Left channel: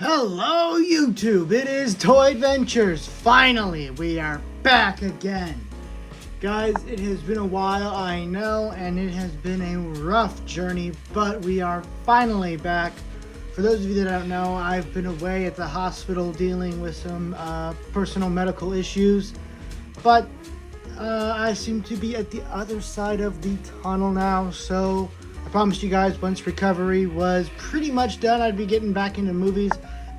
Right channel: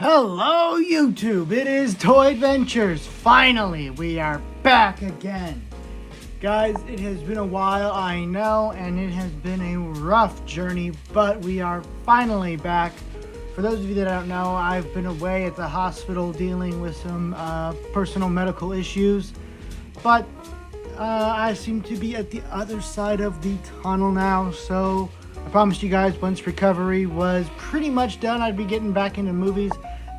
Hello YouTube, it is Toy Adventures. Finally, we are back again. Guys, it has been a while, I know, and it has been a rough journey, but we are finally back. For those of you that don't know, I've been away at the hospital dealing with some personal medical issues, but I seem to be at the other side of the tunnel now, so I promised you guys once recovery was pretty much done, I'd be getting back into movies.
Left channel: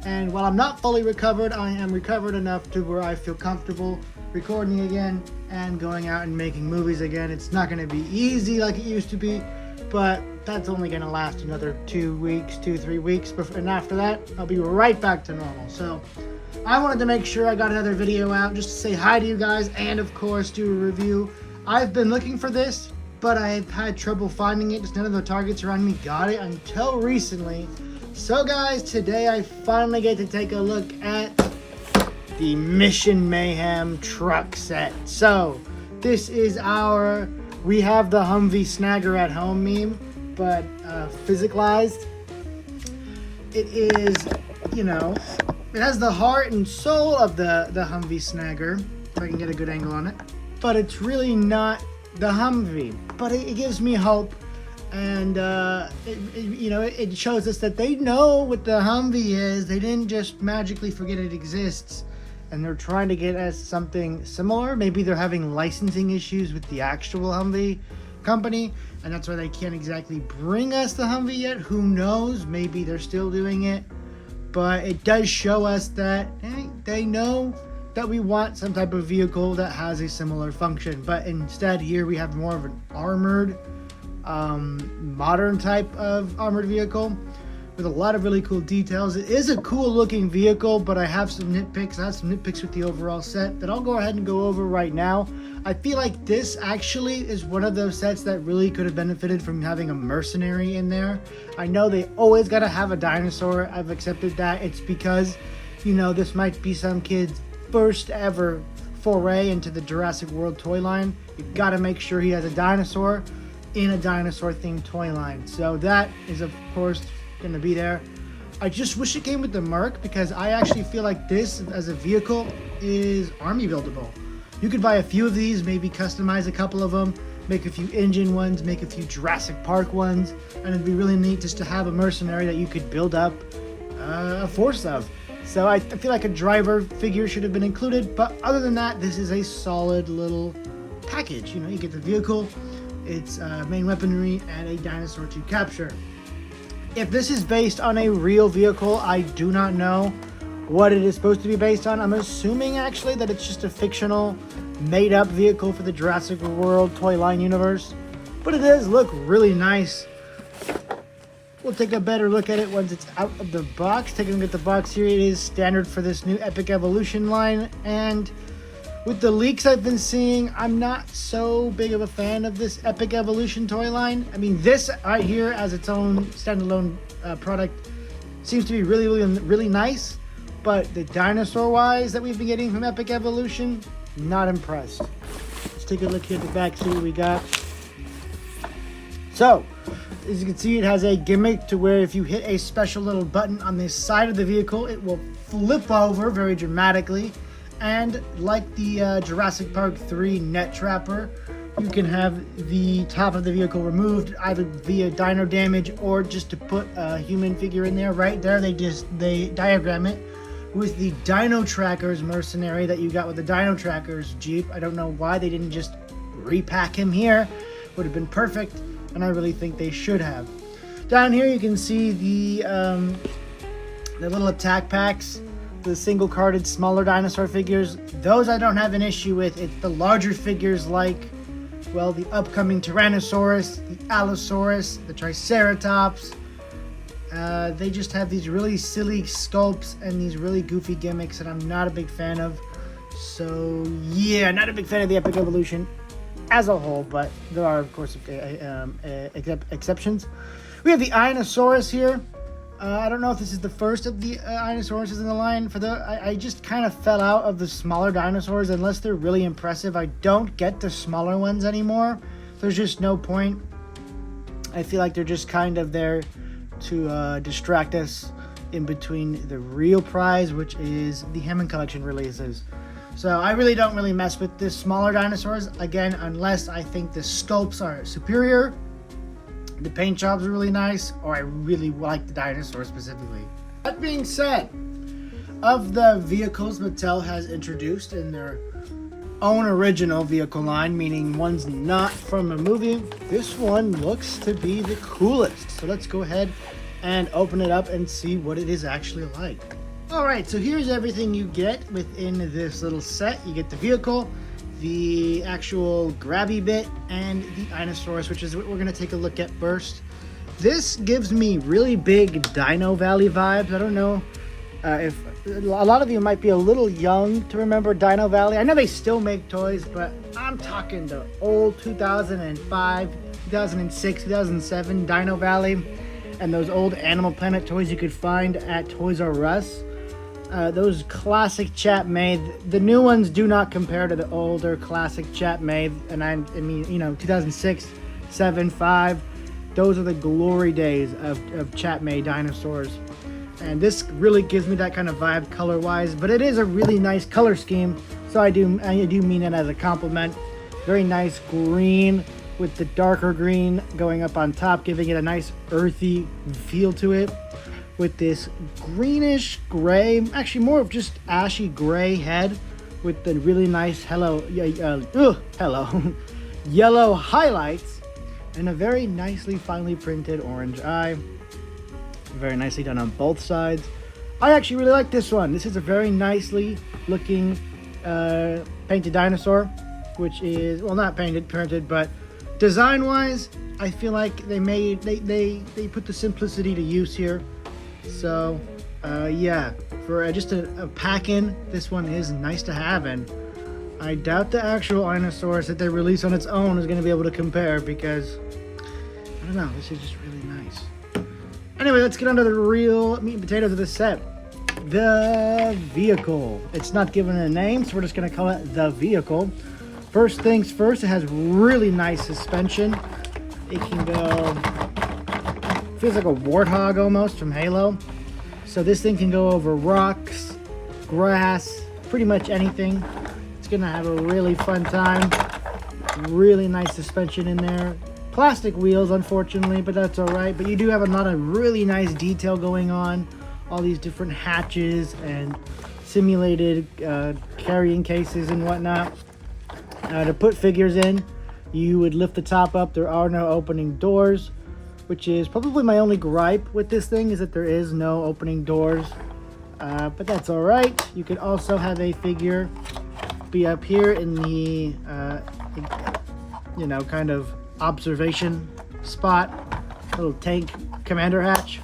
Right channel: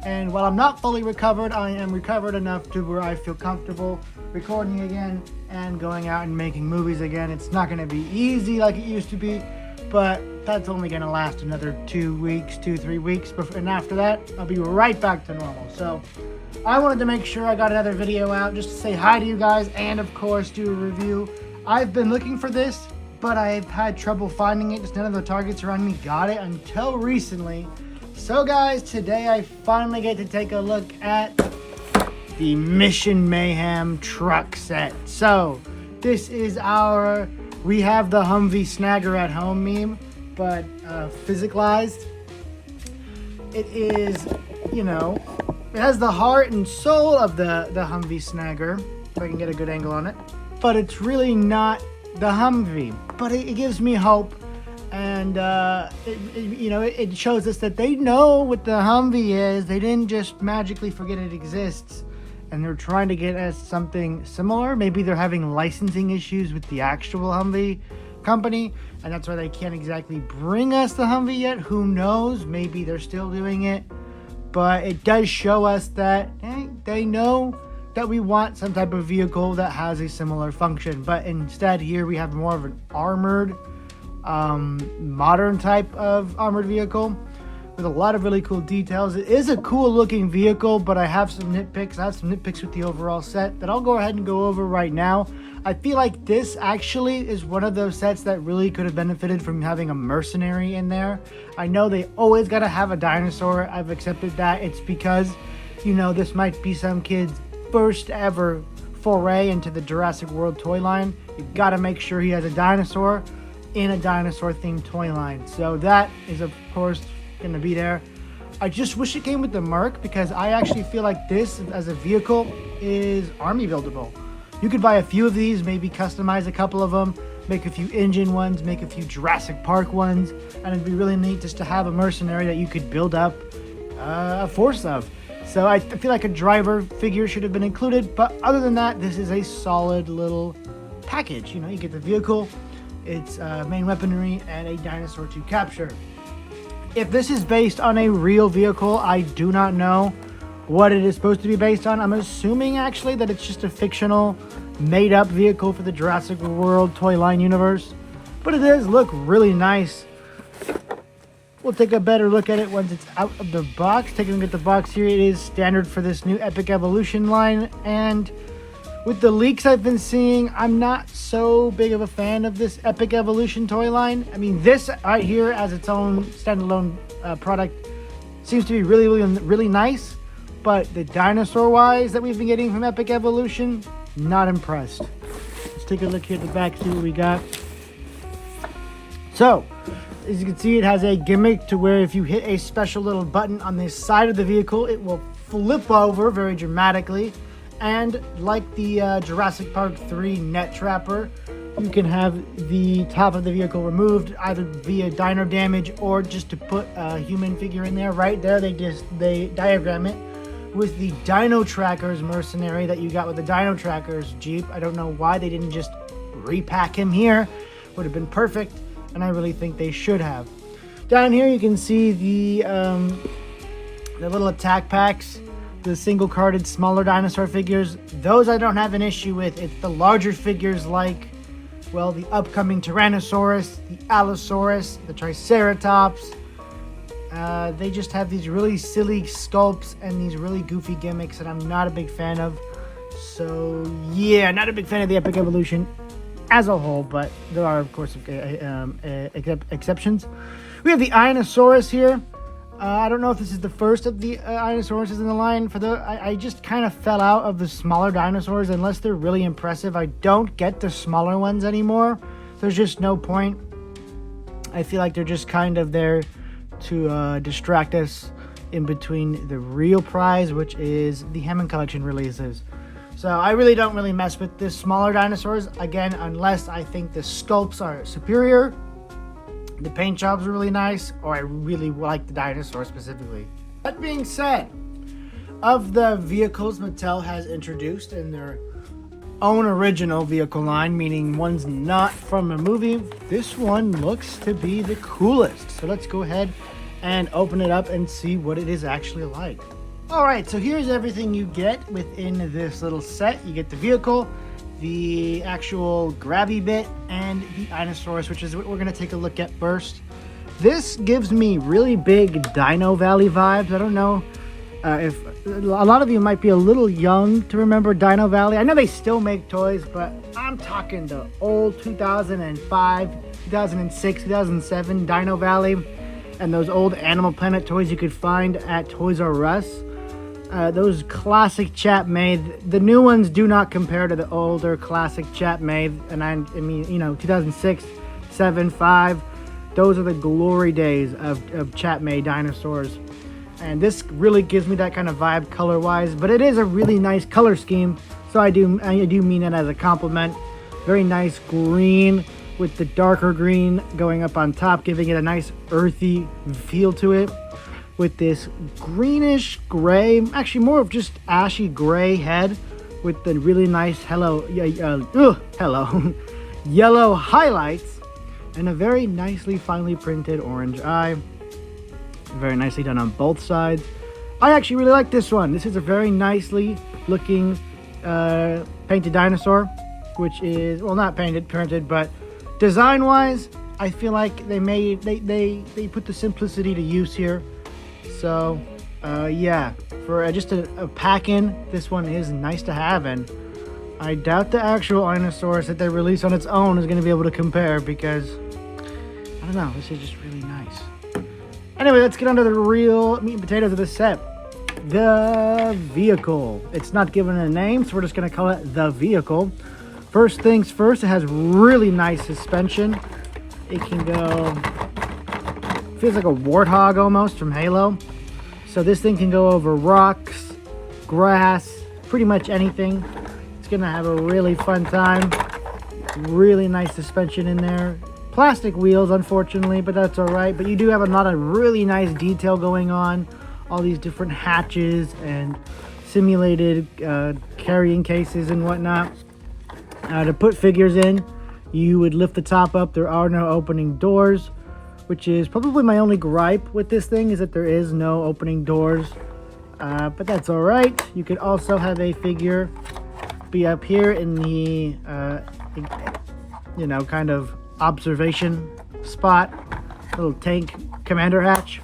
And while I'm not fully recovered, I am recovered enough to where I feel comfortable recording again and going out and making movies again. It's not going to be easy like it used to be, but that's only going to last another 3 weeks. And after that, I'll be right back to normal. So I wanted to make sure I got another video out just to say hi to you guys and, of course, do a review. I've been looking for this, but I've had trouble finding it. Just none of the targets around me got it until recently. So guys, today I finally get to take a look at the Mission Mayhem truck set. So this is we have the Humvee Snagger at home meme, but physicalized. It is, it has the heart and soul of the Humvee Snagger, if I can get a good angle on it. But it's really not the Humvee, but it gives me hope. And it shows us that they know what the Humvee is. They didn't just magically forget it exists, and they're trying to get us something similar. Maybe they're having licensing issues with the actual Humvee company, and that's why they can't exactly bring us the Humvee yet. Who knows? Maybe they're still doing it, but it does show us that they know that we want some type of vehicle that has a similar function. But instead, here we have more of an armored, modern type of armored vehicle with a lot of really cool details. It is a cool looking vehicle, but I have some nitpicks. I have some nitpicks with the overall set that I'll go ahead and go over right now. I feel like this actually is one of those sets that really could have benefited from having a mercenary in there. I know they always got to have a dinosaur. I've accepted that. It's because, this might be some kid's first ever foray into the Jurassic World toy line. You got to make sure he has a dinosaur in a dinosaur themed toy line. So that is of course going to be there. I just wish it came with the Merc, because I actually feel like this as a vehicle is army buildable. You could buy a few of these, maybe customize a couple of them, make a few engine ones, make a few Jurassic Park ones, and it'd be really neat just to have a mercenary that you could build up a force of. So I feel like a driver figure should have been included, but other than that, this is a solid little package. You get the vehicle, its main weaponry, and a dinosaur to capture. If this is based on a real vehicle, I do not know what it is supposed to be based on. I'm assuming actually that it's just a fictional, made-up vehicle for the Jurassic World toy line universe, but it does look really nice. We'll take a better look at it once it's out of the box. Taking a look at the box here, it is standard for this new Epic Evolution line, and with the leaks I've been seeing, I'm not so big of a fan of this Epic Evolution toy line. I mean, this right here as its own standalone product seems to be really, really, really nice, but the dinosaur-wise that we've been getting from Epic Evolution, not impressed. Let's take a look here at the back, see what we got. So, as you can see, it has a gimmick to where if you hit a special little button on the side of the vehicle, it will flip over very dramatically. And like the Jurassic Park 3 Net Trapper, you can have the top of the vehicle removed either via dino damage or just to put a human figure in there. Right there, they diagram it with the Dino Trackers mercenary that you got with the Dino Trackers Jeep. I don't know why they didn't just repack him here. Would have been perfect, and I really think they should have. Down here you can see the little attack packs. The single-carded smaller dinosaur figures, those I don't have an issue with. It's the larger figures like, well, the upcoming Tyrannosaurus, the Allosaurus, the Triceratops. They just have these really silly sculpts and these really goofy gimmicks that I'm not a big fan of. So yeah, not a big fan of the Epic Evolution as a whole, but there are of course exceptions. We have the Ionosaurus here. I don't know if this is the first of the Dinosaurs in the line. I just kind of fell out of the smaller dinosaurs. Unless they're really impressive, I don't get the smaller ones anymore. There's just no point. I feel like they're just kind of there to distract us in between the real prize, which is the Hammond Collection releases. So I really don't mess with the smaller dinosaurs, again, unless I think the sculpts are superior, the paint jobs are really nice, or I really like the dinosaur specifically. That being said, of the vehicles Mattel has introduced in their own original vehicle line, meaning one's not from a movie, this one looks to be the coolest. So let's go ahead and open it up and see what it is actually like. Alright, so here's everything you get within this little set. You get the vehicle, the actual grabby bit, and the Dinosaurs, which is what we're going to take a look at first. This gives me really big Dino Valley vibes. I don't know if a lot of you might be a little young to remember Dino Valley. I know they still make toys, but I'm talking the old 2005, 2006, 2007 Dino Valley, and those old Animal Planet toys you could find at Toys R Us. Those classic Chat Made. The new ones do not compare to the older classic Chat Made. And I mean, you know, 2006, 7, 5. Those are the glory days of Chat Made dinosaurs. And this really gives me that kind of vibe color-wise. But it is a really nice color scheme. So I do mean it as a compliment. Very nice green with the darker green going up on top, giving it a nice earthy feel to it. With this greenish gray, actually more of just ashy gray head with the really nice yellow highlights and a very nicely finely printed orange eye. Very nicely done on both sides. I actually really like this one. This is a very nicely looking painted dinosaur, which is, well, not painted, printed, but design wise, I feel like they put the simplicity to use here. So, yeah, for just a pack-in, this one is nice to have, and I doubt the actual Dinosaurs that they release on its own is going to be able to compare, because, I don't know, this is just really nice. Anyway, let's get on to the real meat and potatoes of the set. The vehicle. It's not given a name, so we're just going to call it the vehicle. First things first, it has really nice suspension. It can go... feels like a warthog almost from Halo. So this thing can go over rocks, grass, pretty much anything. It's gonna have a really fun time. Really nice suspension in there. Plastic wheels, unfortunately, but that's all right. But you do have a lot of really nice detail going on. All these different hatches and simulated carrying cases and whatnot. To put figures in, you would lift the top up. There are no opening doors, which is probably my only gripe with this thing, is that there is no opening doors. But that's all right. You could also have a figure be up here in the, you know, kind of observation spot, little tank commander hatch.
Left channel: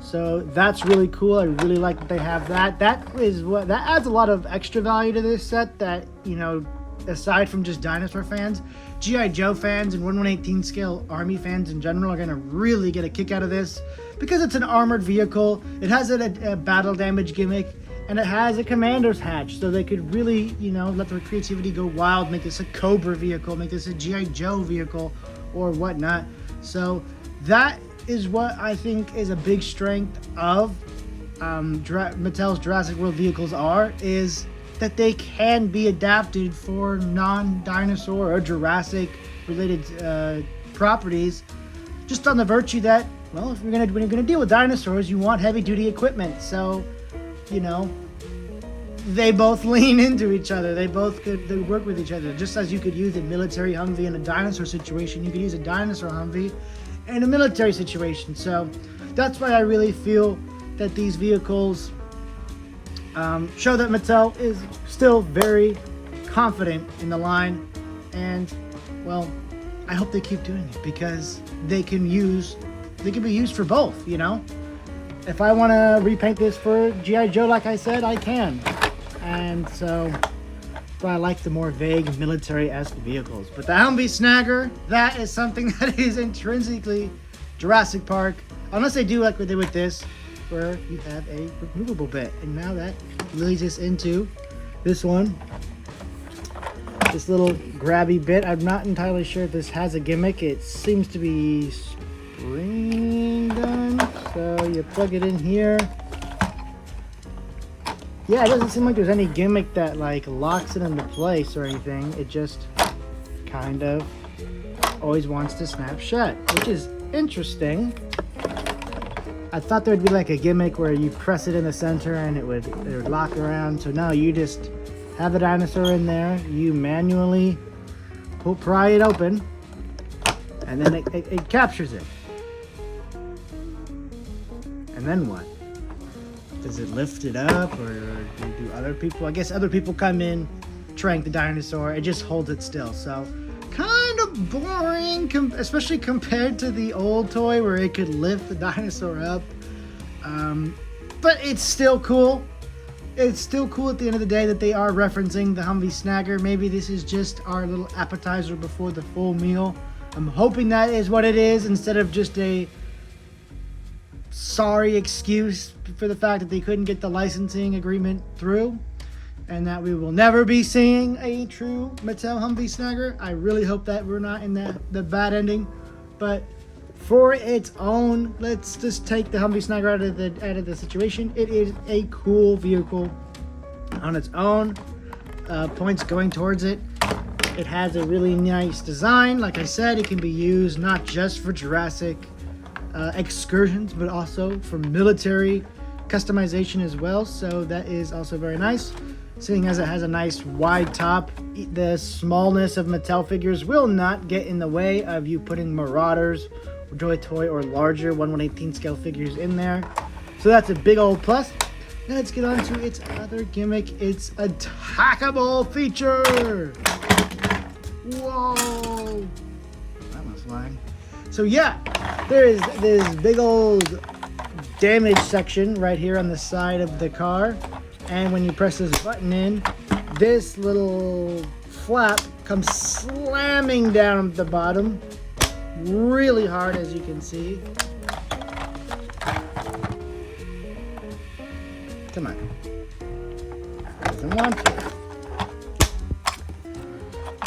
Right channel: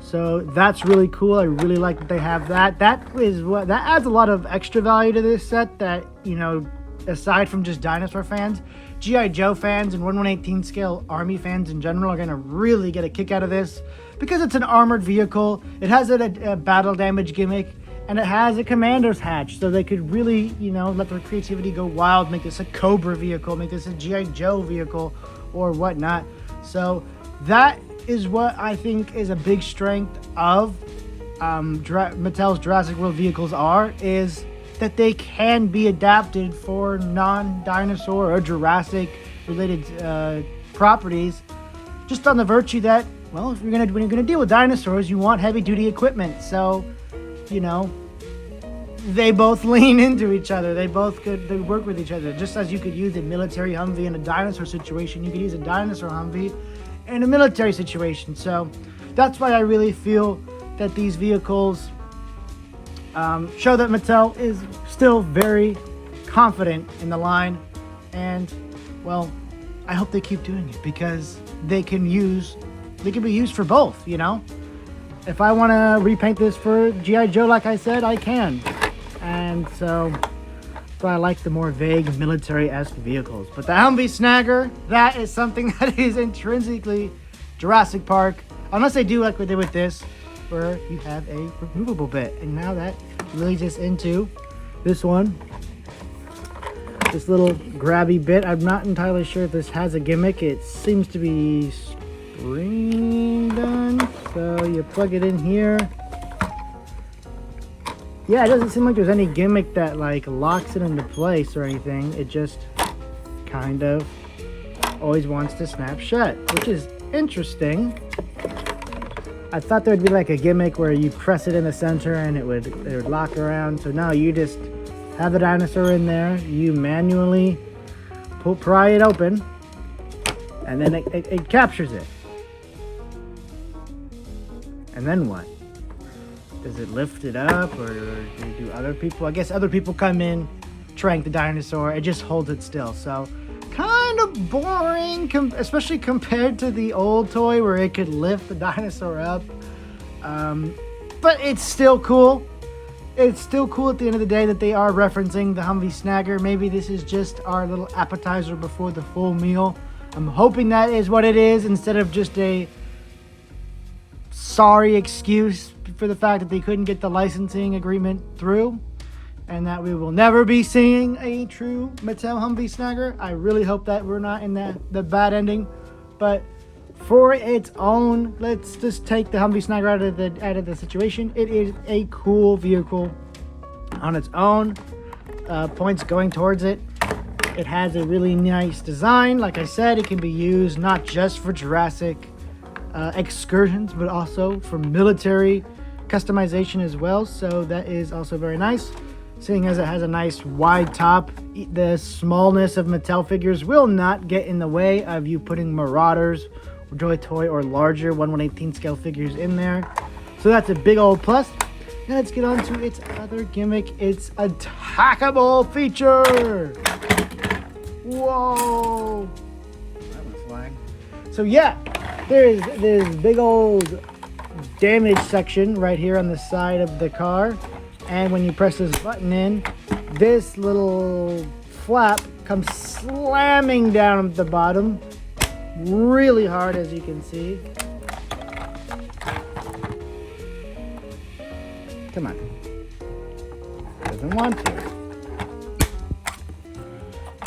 So that's really cool. I really like that they have that. That adds a lot of extra value to this set that, you know, aside from just dinosaur fans, G.I. Joe fans and 1/118 scale Army fans in general are going to really get a kick out of this, because it's an armored vehicle. It has a battle damage gimmick, and it has a commander's hatch, so they could really, you know, let their creativity go wild, make this a Cobra vehicle, make this a G.I. Joe vehicle, or whatnot. So that is what I think is a big strength of Mattel's Jurassic World vehicles is that they can be adapted for non-dinosaur or Jurassic related properties, just on the virtue that, well, when you're gonna deal with dinosaurs, you want heavy-duty equipment. So, you know, they both lean into each other. They work with each other. Just as you could use a military Humvee in a dinosaur situation, you could use a dinosaur Humvee in a military situation. So that's why I really feel that these vehicles show that Mattel is still very confident in the line, and, well, I hope they keep doing it, because they can be used for both, you know? If I want to repaint this for G.I. Joe, like I said, I can. And so I like the more vague military-esque vehicles. But the Humvee Snagger, that is something that is intrinsically Jurassic Park, unless they do like what they did with this, where you have a removable bit. And now that leads us into this one. This little grabby bit. I'm not entirely sure if this has a gimmick. It seems to be spring done. So you plug it in here. Yeah, it doesn't seem like there's any gimmick that like locks it into place or anything. It just kind of always wants to snap shut, which is interesting. I thought there would be like a gimmick where you press it in the center and it would lock around. So no, you just have the dinosaur in there. You manually pry it open, and then it captures it. And then what? Does it lift it up, or do other people? I guess other people come in, trank the dinosaur. It just holds it still. So kind of boring, especially compared to the old toy where it could lift the dinosaur up. But it's still cool. It's still cool at the end of the day that they are referencing the Humvee Snagger. Maybe this is just our little appetizer before the full meal. I'm hoping that is what it is, instead of just a sorry excuse for the fact that they couldn't get the licensing agreement through, and that we will never be seeing a true Mattel Humvee Snagger. I really hope that we're not in the bad ending, but for its own, let's just take the Humvee Snagger out of the situation. It is a cool vehicle on its own. Points going towards it. It has a really nice design. Like I said, it can be used not just for Jurassic excursions, but also for military customization as well. So that is also very nice. Seeing as it has a nice wide top, the smallness of Mattel figures will not get in the way of you putting Marauders, or Toy, or larger 1/118 scale figures in there. So that's a big old plus. Now let's get on to its other gimmick, its attackable feature. Whoa! That was flying. So yeah, there's this big old damage section right here on the side of the car. And when you press this button in, this little flap comes slamming down at the bottom really hard, as you can see. Come on. Doesn't want to.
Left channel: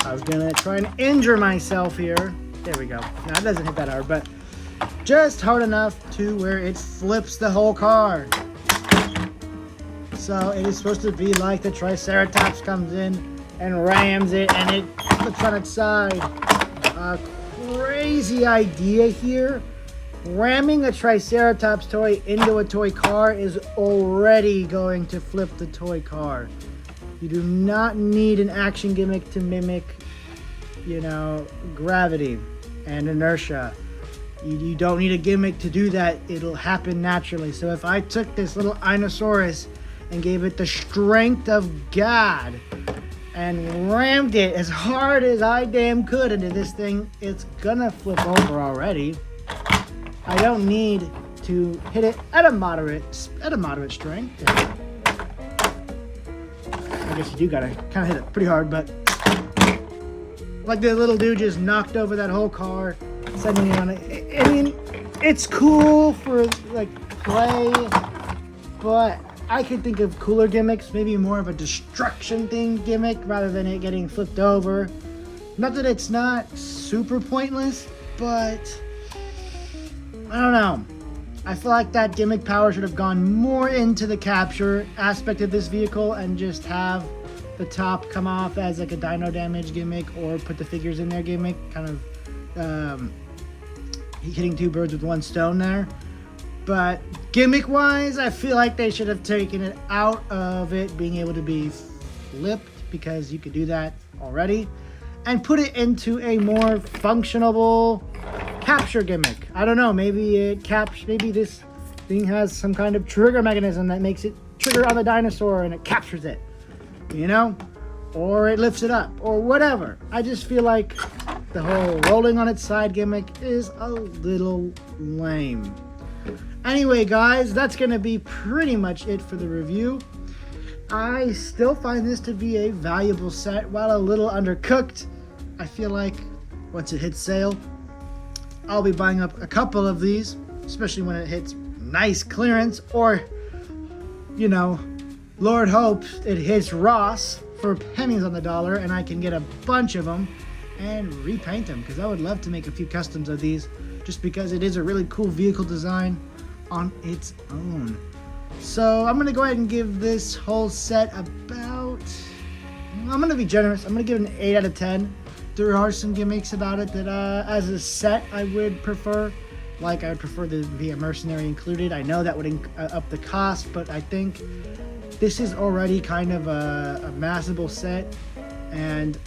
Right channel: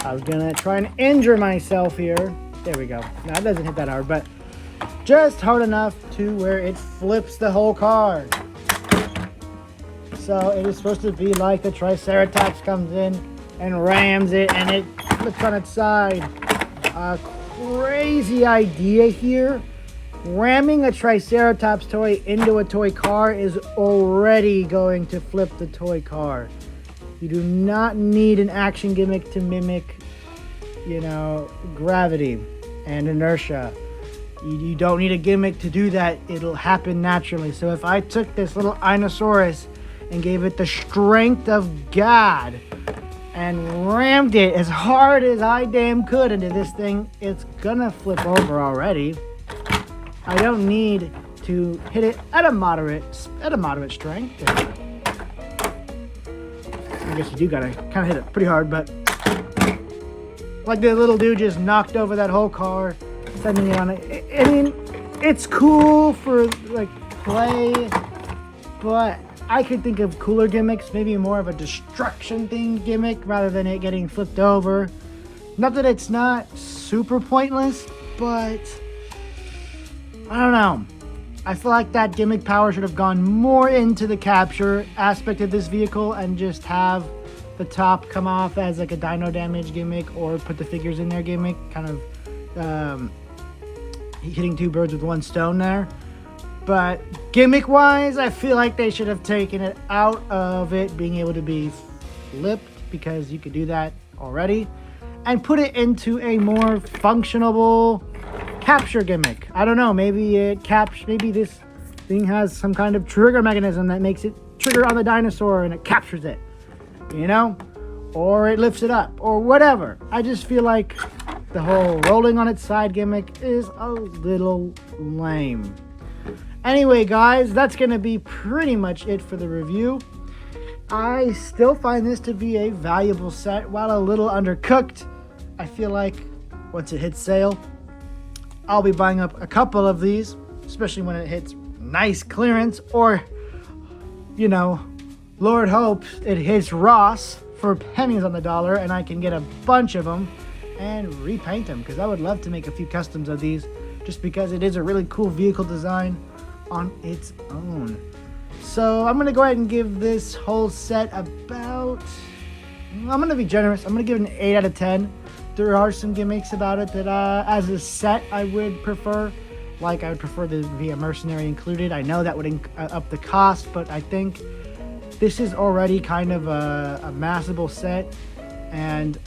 I was gonna try and injure myself here. There we go. Now it doesn't hit that hard, but just hard enough to where it flips the whole car. So it is supposed to be like the Triceratops comes in and rams it and it flips on its side. A crazy idea here. Ramming a Triceratops toy into a toy car is already going to flip the toy car. You do not need an action gimmick to mimic, gravity and inertia. You don't need a gimmick to do that. It'll happen naturally. So if I took this little Dinosaurus and gave it the strength of God and rammed it as hard as I damn could into this thing, it's gonna flip over already. I don't need to hit it at a moderate strength. I guess you do gotta kind of hit it pretty hard, but like the little dude just knocked over that whole car, sending it on it. I mean, it's cool for like play, but I could think of cooler gimmicks, maybe more of a destruction themed gimmick rather than it getting flipped over. Not that it's not super pointless, but I don't know. I feel like that gimmick power should have gone more into the capture aspect of this vehicle and just have the top come off as like a dino damage gimmick, or put the figures in their gimmick, kind of hitting two birds with one stone there. But gimmick wise, I feel like they should have taken it out of it being able to be flipped, because you could do that already, and put it into a more functionable capture gimmick. I don't know, maybe maybe this thing has some kind of trigger mechanism that makes it trigger on the dinosaur and it captures it, or it lifts it up, or whatever. I just feel like the whole rolling on its side gimmick is a little lame. Anyway, guys, that's going to be pretty much it for the review. I still find this to be a valuable set. While a little undercooked, I feel like once it hits sale, I'll be buying up a couple of these, especially when it hits nice clearance, or, Lord hopes it hits Ross for pennies on the dollar and I can get a bunch of them and repaint them, because I would love to make a few customs of these, just because it is a really cool vehicle design on its own. So I'm going to go ahead and give this whole set about, I'm going to be generous, I'm going to give it an 8 out of 10. There are some gimmicks about it that as a set I would prefer. Like I would prefer to be a mercenary included. I know that would up the cost, but I think this is already kind of a massable set, and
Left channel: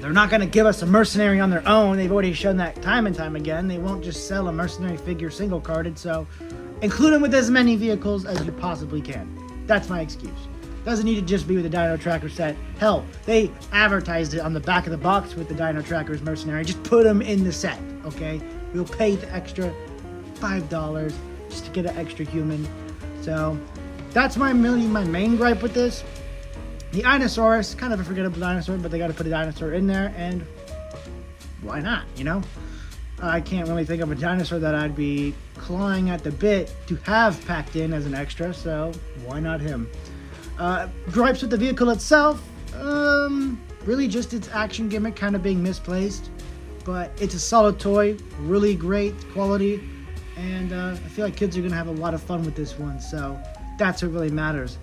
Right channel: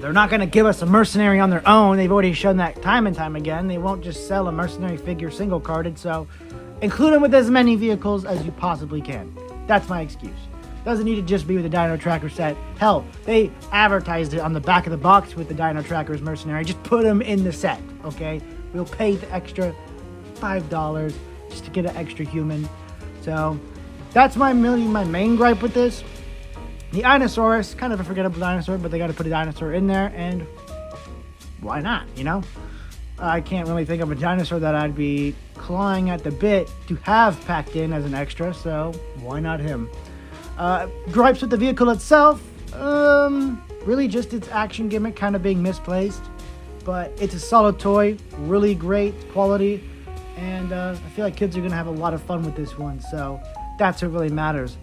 they're not going to give us a mercenary on their own. They've already shown that time and time again. They won't just sell a mercenary figure single carded, so include them with as many vehicles as you possibly can. That's my excuse. Doesn't need to just be with the Dino Tracker set. Hell, they advertised it on the back of the box with the Dino Tracker's mercenary. Just put them in the set, okay? We'll pay the extra $5 just to get an extra human. So that's my main gripe with this. The Dinosaurus, kind of a forgettable dinosaur, but they got to put a dinosaur in there, and why not, you know? I can't really think of a dinosaur that I'd be clawing at the bit to have packed in as an extra, so why not him? Gripes with the vehicle itself, really just its action gimmick kind of being misplaced, but it's a solid toy, really great quality, and I feel like kids are going to have a lot of fun with this one, so that's what really matters.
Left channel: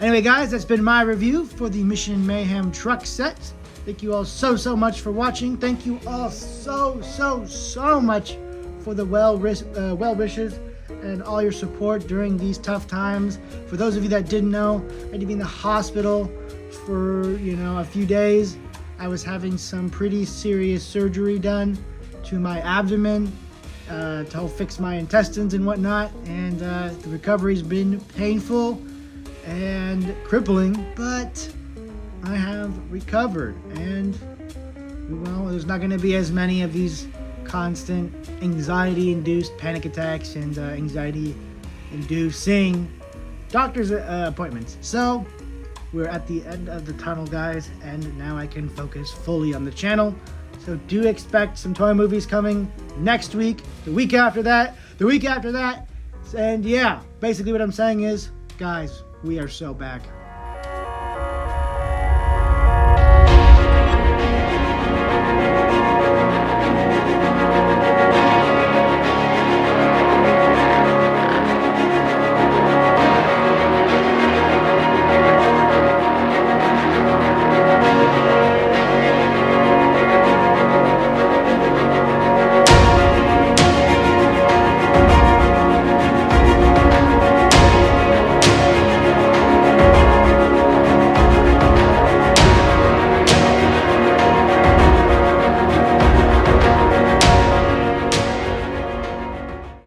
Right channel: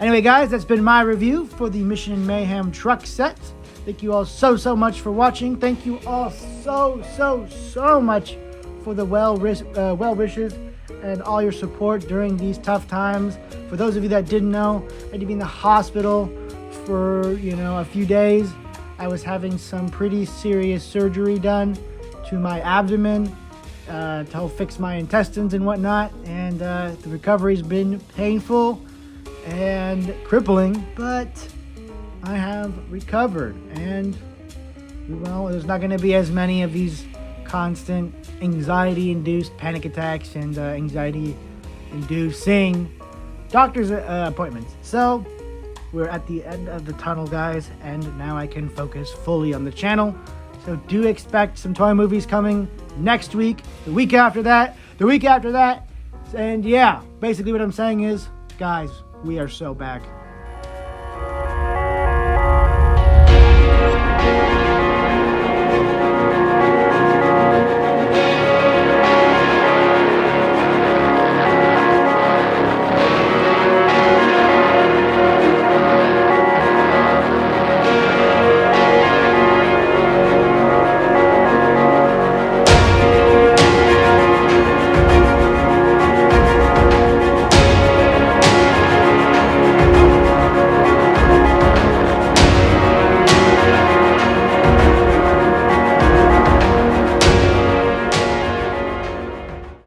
Anyway, guys, that's been my review for the Mission Mayhem truck set. Thank you all so much for watching. Thank you all so much for the well wishes and all your support during these tough times. For those of you that didn't know, I had to be in the hospital for, a few days. I was having some pretty serious surgery done to my abdomen to help fix my intestines and whatnot, and the recovery's been painful and crippling, but I have recovered, and there's not going to be as many of these constant anxiety-induced panic attacks and anxiety-inducing doctor's appointments. So we're at the end of the tunnel, guys, and now I can focus fully on the channel. So do expect some toy movies coming next week, the week after that, and yeah, basically what I'm saying is, guys, we are so back.